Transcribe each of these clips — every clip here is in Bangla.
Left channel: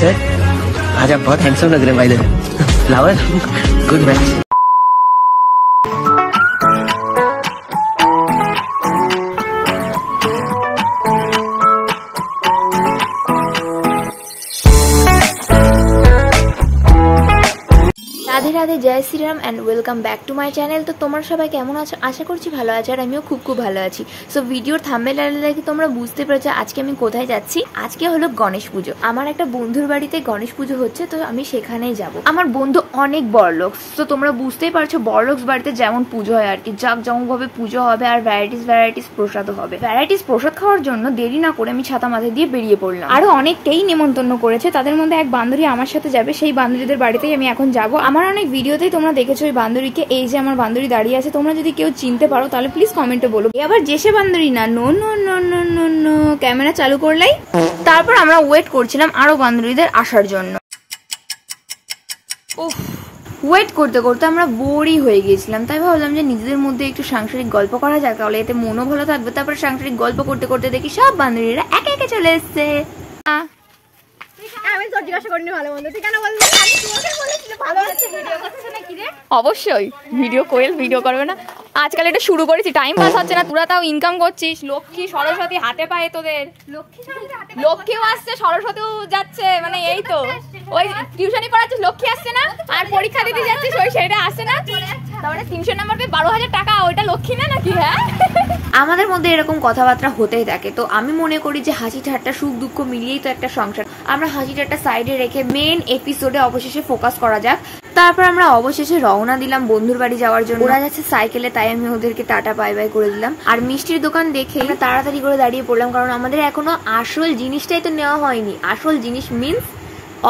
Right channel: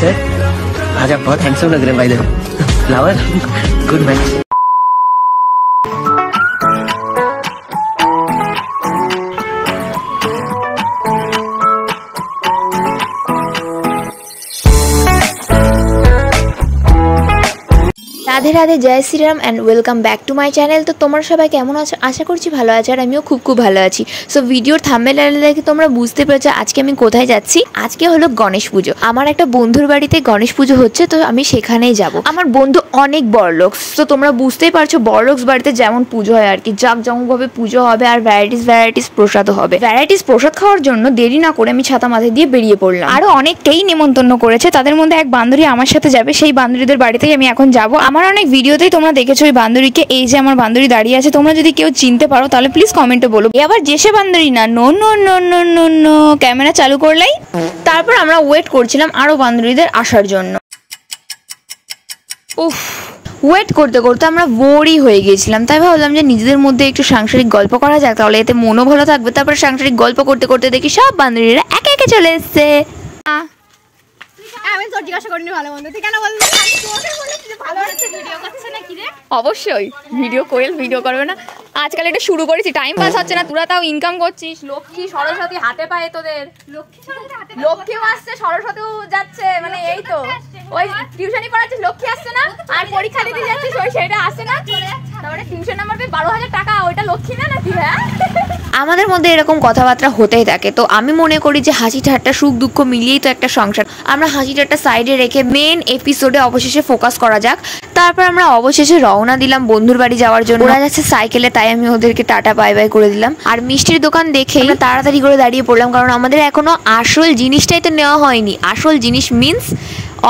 सर आज आप बहुत हैंडसम लग रहे हैं भाई the flower good match. Radhe Radhe जय Shri Ram and welcome back to my channel. तो तुम्हारा सबाई केमन आछो आशा करछि भालो आछो और आमिও खूब खूब भालो आछि। सो भिडियोर थाम्बनेल देखে তোমরা বুঝতে পেরেছো আজকে আমি কোথায় যাচ্ছি। আজকে হলো গণেশ পুজো। আমার একটা বন্ধুর বাড়িতে গণেশ পুজো হচ্ছে, তো আমি সেখানেই যাব। আমার বন্ধু অনেক বড়লোক, তো তোমরা বুঝতেই পারছো বড়লোক বাড়িতে যেমন পুজো হয় আর কি, জাঁকজমকভাবে পুজো হবে আর ভ্যারাইটিস প্রসাদও হবে। ভ্যারাইটিস প্রসাদ খাওয়ার জন্য দেরি না করে আমি ছাতা মাথায় দিয়ে বেরিয়ে পড়লাম। আরো অনেককেই নিমন্ত্রণ করেছে, তাদের মধ্যে এক বান্ধবী আমার সাথে যাবে। সেই বান্ধবীদের বাড়িতেই আমি এখন যাব। আমার অনেক ভিডিওতেই তোমরা দেখেছো ওই বান্ধবীকে। এই যে আমার বান্ধবী দাঁড়িয়ে আছে, তোমরা যদি কেউ চিনতে পারো তাহলে প্লিজ কমেন্টে বলো। আবার যেসে বান্ধবী না, no no no no no no, camera চালু করলেই। তারপর আমরা ওয়েট করছিলাম আরো বান্ধবীদের আসার জন্য। উফ, ওয়েট করতে করতে আমরা বোরই হয়ে গিয়েছিলাম, তাই ভাবলাম যে নিজেদের মধ্যে একটু সাংসারিক গল্প করা যাক, তাহলে এতে মনও ভালো থাকবে। তারপর সাংসারিক গল্প করতে করতে দেখি সব বান্ধবীরা একে একে চলে এসছে। অবশ্যই ভিডিও কোয়েল ভিডিও করবে না, আজকাল এটা শুরু করেছি, টাইম পাস হচ্ছে না, তোরা তাও ইনকাম করছিস। লক্ষ্মী সরস্বতী হাতে পায়ে তোদের, লক্ষ্মীও আসছে সরস্বতীও যাচ্ছে, মানে এই তো ওই টিউশনি পড়াচ্ছিস লক্ষ্মী আসছে না, আর পরীক্ষা দিতে যাচ্ছিস ওই সেটা আসছে না, তারপরে 300 নাম্বার পেয়ে 12,000 টাকা, ওইটা লক্ষ্মী না নাকি? হ্যাঁ, আমাদের মধ্যে এরকম কথাবার্তা হতেই থাকে। তো আমি মনে করি যে হাসি ঠাট্টা সুখ দুঃখ মিলিয়েই তো একটা সংসার। আমরা হাসি ঠাট্টা সাইডে রেখে মেন এপিসোডে অবশেষে ফোকাস করা যাক। তারপর আমরা অবশেষে রওনা দিলাম বন্ধুর বাড়ি যাওয়ার জন্য। ওরা যাচ্ছে সাইকেলে, তাই আমি ওদেরকে টাটা বাই বাই করে দিলাম। আর মিষ্টির দোকান দেখে আমরা তাড়াতাড়ি করে দাঁড়িয়ে পড়লাম, কারণ আমাদের এখনো আসল জিনিসটাই তো নেওয়া হয়নি। আসল জিনিস মিন্স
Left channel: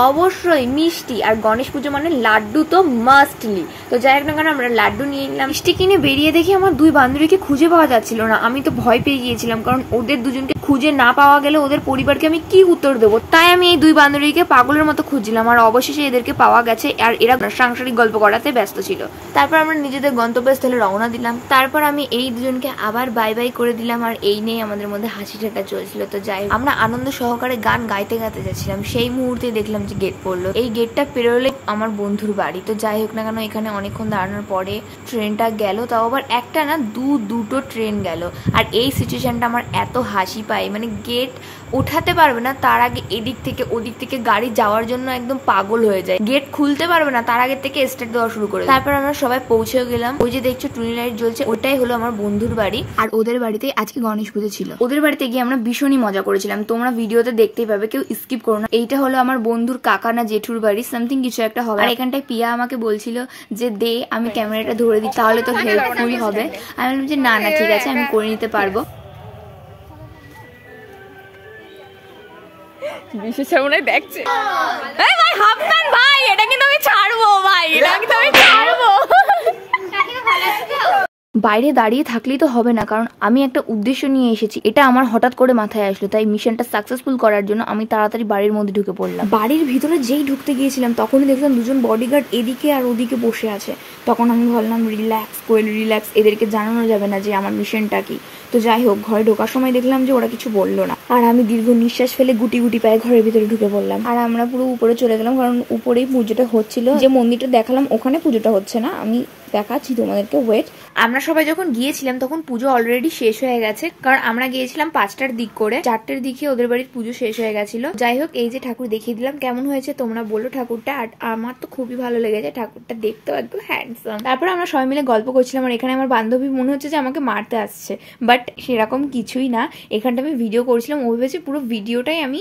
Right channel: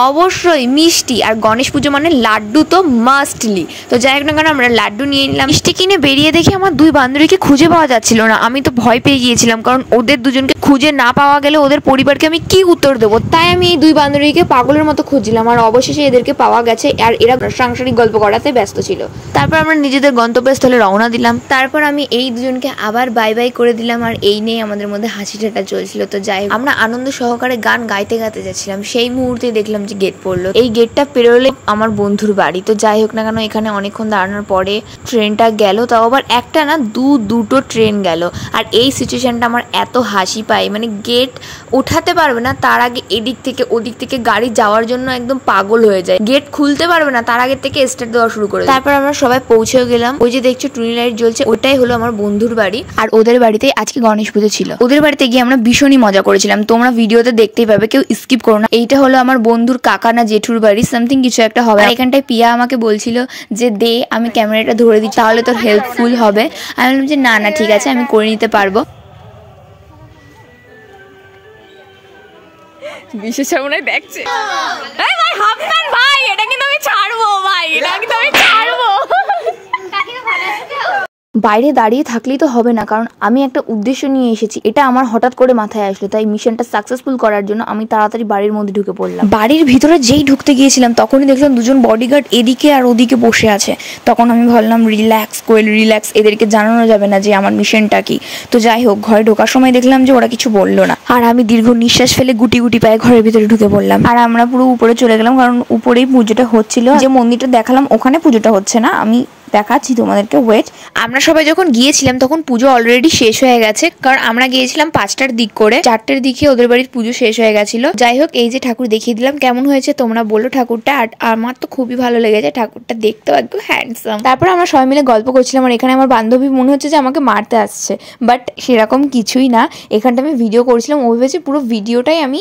অবশ্যই মিষ্টি, আর গণেশ পুজো মানে লাড্ডু তো মাস্টলি। তো যাই হোক না কেন আমরা লাড্ডু নিয়ে নিলাম। মিষ্টি কিনে বেরিয়ে দেখি আমার দুই বান্ধবীকে খুঁজে পাওয়া যাচ্ছিল না। আমি তো ভয় পেয়ে গিয়েছিলাম, কারণ ওদের দুজনকে খুঁজে না পাওয়া গেলে ওদের পরিবারকে আমি কি উত্তর দেবো। তাই আমি এই দুই বান্ধবীকে পাগলের মতো খুঁজছিলাম, আর অবশেষে এদেরকে পাওয়া গেছে। আর এরা সাংসারিক গল্প করাতে ব্যস্ত ছিল। তারপর আমরা নিজেদের গন্তব্যস্থলে রওনা দিলাম। তারপর আমি এই দুজনকে আবার বাই বাই করে দিলাম, আর এই নিয়ে আমাদের মধ্যে হাসি ঠাট্টা চলছিল। তো যাই হোক আমরা আনন্দ সহকারে গান গাইতে গাইতে যাচ্ছিলাম। সেই মুহূর্তে দেখলাম যে গেট পড়লো। এই গেটটা পেরোলে আমার বন্ধুর বাড়ি। তো যাই হোক না কেন এখানে অনেকক্ষণ দাঁড়ানোর পরে ট্রেনটা গেল, তাও আবার একটা না দুটো ট্রেন গেল। আর এই সিচুয়েশনটা আমার এত হাসি পায়, মানে গেট ওঠাতে পারবে না তার আগে এদিক থেকে ওদিক থেকে গাড়ি যাওয়ার জন্য একদম পাগল হয়ে যায়। গেট খুলতে পারবে না তার আগে থেকে স্টার্ট দেওয়া শুরু করে। তারপর আমরা সবাই পৌঁছেও গেলাম। ওই যে দেখছো টুনি লাইট জ্বলছে, ওটাই হলো আমার বন্ধুর বাড়ি। আর ওদের বাড়িতে আজকে গণেশ পুজো ছিল। ওদের বাড়িতে গিয়ে আমরা ভীষণই মজা করেছিলাম, তোমরা ভিডিওতে দেখতেই পাবে, কেউ স্কিপ করো না। এইটা হলো আমার বন্ধুর কাকা না জেঠুর বাড়ি, সামথিং কিছু একটা হবে। আর এখানটায় পিয়া আমাকে বলছিল যে দে আমি ক্যামেরাটা ধরে দিই, তাহলে তোর হেল্পফুল হবে। আমি বললাম যে না না ঠিক আছে, আমি করে নিতে পারবো। বিশেষ মনে দেখছে ভাই হাফ প্যান্ট ভাই, এটা কিন্তু আমি ছাড়বো ভাই, এটা কিন্তু আমি ছাড়বো। বাইরে দাঁড়িয়ে থাকলেই তো হবে না, কারণ আমি একটা উদ্দেশ্য নিয়ে এসেছি। এটা আমার হঠাৎ করে মাথায় আসলো, তাই মিশনটা সাকসেসফুল করার জন্য আমি তাড়াতাড়ি বাড়ির মধ্যে ঢুকে পড়লাম। বাড়ির ভিতরে যেই ঢুকতে গিয়েছিলাম তখনই দেখলাম দুজন বডিগার্ড এদিকে আর ওদিকে বসে আছে। তখন আমি ভাবলাম রিল্যাক্স কোয়েল রিল্যাক্স, এদেরকে জানানো যাবে না যে আমার মিশনটা কি। তো যাই হোক ঘরে ঢোকার সময় দেখলাম যে ওরা কিছু বললো না, আর আমি দীর্ঘ নিঃশ্বাস ফেলে গুটি গুটি পায়ে ঘরের ভিতরে ঢুকে পড়লাম। আর আমরা পুরো উপরে চলে গেলাম, কারণ উপরেই পুজোটা হচ্ছিল। যে মন্দিরটা দেখালাম ওখানে পুজোটা হচ্ছে না, আমি দেখাচ্ছি তোমাদেরকে, ওয়েট। আমরা সবাই যখন গিয়েছিলাম তখন পুজো অলরেডি শেষ হয়ে গেছে, কারণ আমরা গিয়েছিলাম 5টার দিক করে, 4টের দিকে ওদের বাড়ির পুজো শেষ হয়ে গেছিল। যাই হোক এই যে ঠাকুর দেখিয়ে দিলাম, কেমন হয়েছে তোমরা বলো ঠাকুরটা। আর আমার তো খুবই ভালো লেগেছে, ঠাকুরটা দেখতেও একদম হ্যান্ডসাম। তারপর আমরা সবাই মিলে গল্প করছিলাম, আর এখানে আমার বান্ধবী মনে হচ্ছে যে আমাকে মারতে আসছে, বাট সেরকম কিছুই না। এখানটা আমি ভিডিও করছিলাম, ও ভেবেছে পুরো ভিডিওটাই আমি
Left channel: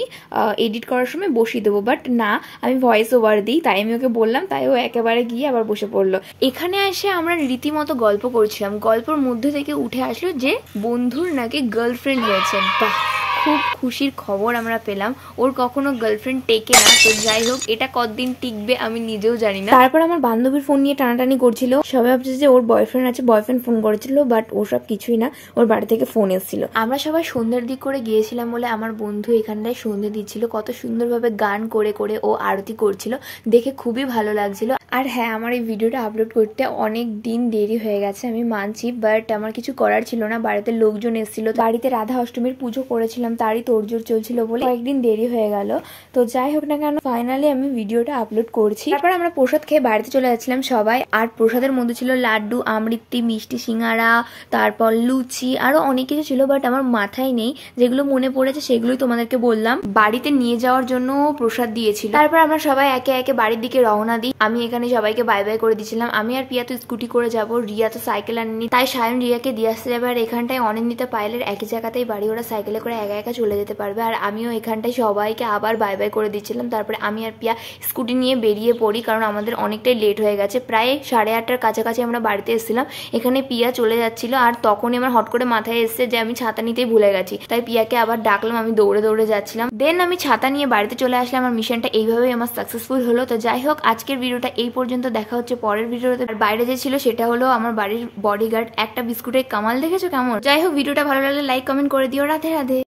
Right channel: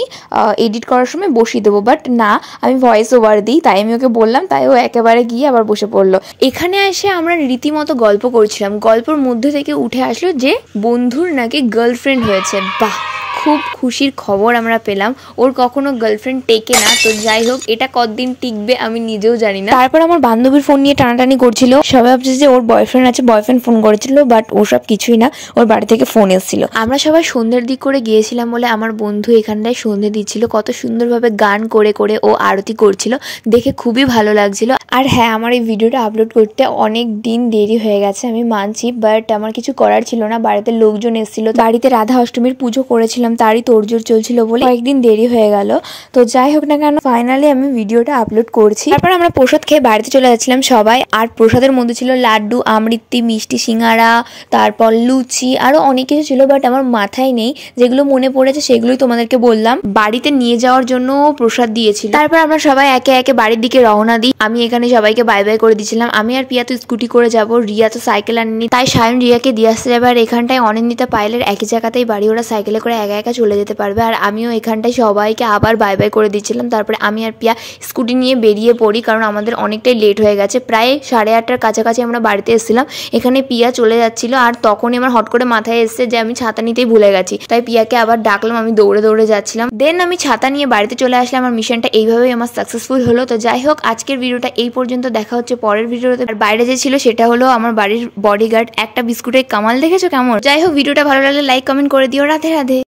এডিট করার সময় বসিয়ে দেবো, বাট না, আমি ভয়েস ওভার দিই। তাই আমি ওকে বললাম, তাই ও একেবারে গিয়ে আবার বসে পড়লো। এখানে এসে আমরা রীতিমতো গল্প করছিলাম, গল্পের মধ্যে থেকে উঠে আসলো যে বন্ধুর নাকি গার্লফ্রেন্ড হয়েছে। বাহ, খুব খুশির খবর আমরা পেলাম। ওর কখনো গার্লফ্রেন্ড টেকে না, তো যাই হোক এটা কতদিন টিকবে আমি নিজেও জানি না। তারপর আমার বান্ধবীর ফোন নিয়ে টানাটানি করছিল, সবাই ভাবছে যে ওর বয়ফ্রেন্ড আছে, বয়ফ্রেন্ড ফোন করেছিল, বাট ওসব কিছুই না, ওর বাড়ি থেকে ফোন এসেছিল। আমরা সবাই সন্ধ্যের দিক করে গিয়েছিলাম বলে আমার বন্ধু এখানটায় সন্ধ্যে দিচ্ছিল, কত সুন্দরভাবে গান করে করে ও আরতি করছিল, দেখে খুবই ভালো লাগছিল। আর হ্যাঁ, আমার এই ভিডিওটা আপলোড করতে অনেক দিন দেরি হয়ে গেছে, আমি মানছি, বাট আমার কিছু করার ছিল না। বাড়িতে লোকজন এসেছিল, বাড়িতে রাধা অষ্টমীর পুজো করেছিলাম, তারই তোড়জোড় চলছিল বলে কয়েকদিন দেরি হয়ে গেল। তো যাই হোক না কেন, ফাইনালি আমি ভিডিওটা আপলোড করছি। তারপর আমরা প্রসাদ খেয়ে বাড়িতে চলে যাচ্ছিলাম সবাই। আর প্রসাদের মধ্যে ছিল লাড্ডু, আমৃত্তি, মিষ্টি, সিঙ্গারা, তারপর লুচি, আরো অনেক কিছু ছিল, বাট আমার মাথায় নেই। যেগুলো মনে পড়েছে সেগুলোই তোমাদেরকে বললাম। বাড়িতে নিয়ে যাওয়ার জন্য প্রসাদ দিয়েছিল। তারপর আমরা সবাই একে একে বাড়ির দিকে রওনা দিই। আমি এখানে সবাইকে বাই বাই করে দিচ্ছিলাম। আমি আর পিয়া তো স্কুটি করে যাব, রিয়া তো সাইকেল আনেনি, তাই সায়ন রিয়াকে দিয়ে আসতে যাবে। আর এখানটায় অনিন্দিতা পায়েলের একই জায়গাতেই বাড়ি, ওরা সাইকেলে করে একা একা চলে যেতে পারবে। আর আমিও এখানটায় সবাইকে আবার বাই বাই করে দিচ্ছিলাম। তারপরে আমি আর পিয়া স্কুটি নিয়ে বেরিয়ে পড়ি, কারণ আমাদের অনেকটাই লেট হয়ে গেছে। প্রায় 8:30টার কাছাকাছি আমরা বাড়িতে এসেছিলাম। এখানে পিয়া চলে যাচ্ছিল, আর তখনই আমার হট করে মাথায় এসছে যে আমি ছাতা নিতেই ভুলে গেছি। তাই পিয়াকে আবার ডাকলাম, আমি দৌড়ে দৌড়ে যাচ্ছিলাম। দেন আমি ছাতা নিয়ে বাড়িতে চলে আসলাম। আমার মিশনটা এইভাবেই আমার সাকসেসফুল হলো। তো যাই হোক, আজকের ভিডিওটা এই পর্যন্ত, দেখা হচ্ছে পরের ভিডিওতে। আর বাইরে যে ছিল সেটা হলো আমার বাড়ির বডিগার্ড। একটা বিস্কুটের কামাল দেখেছো কেমন? যাই হোক, ভিডিওটা ভালো লাগলে লাইক কমেন্ট করে দিও। রাধে রাধে।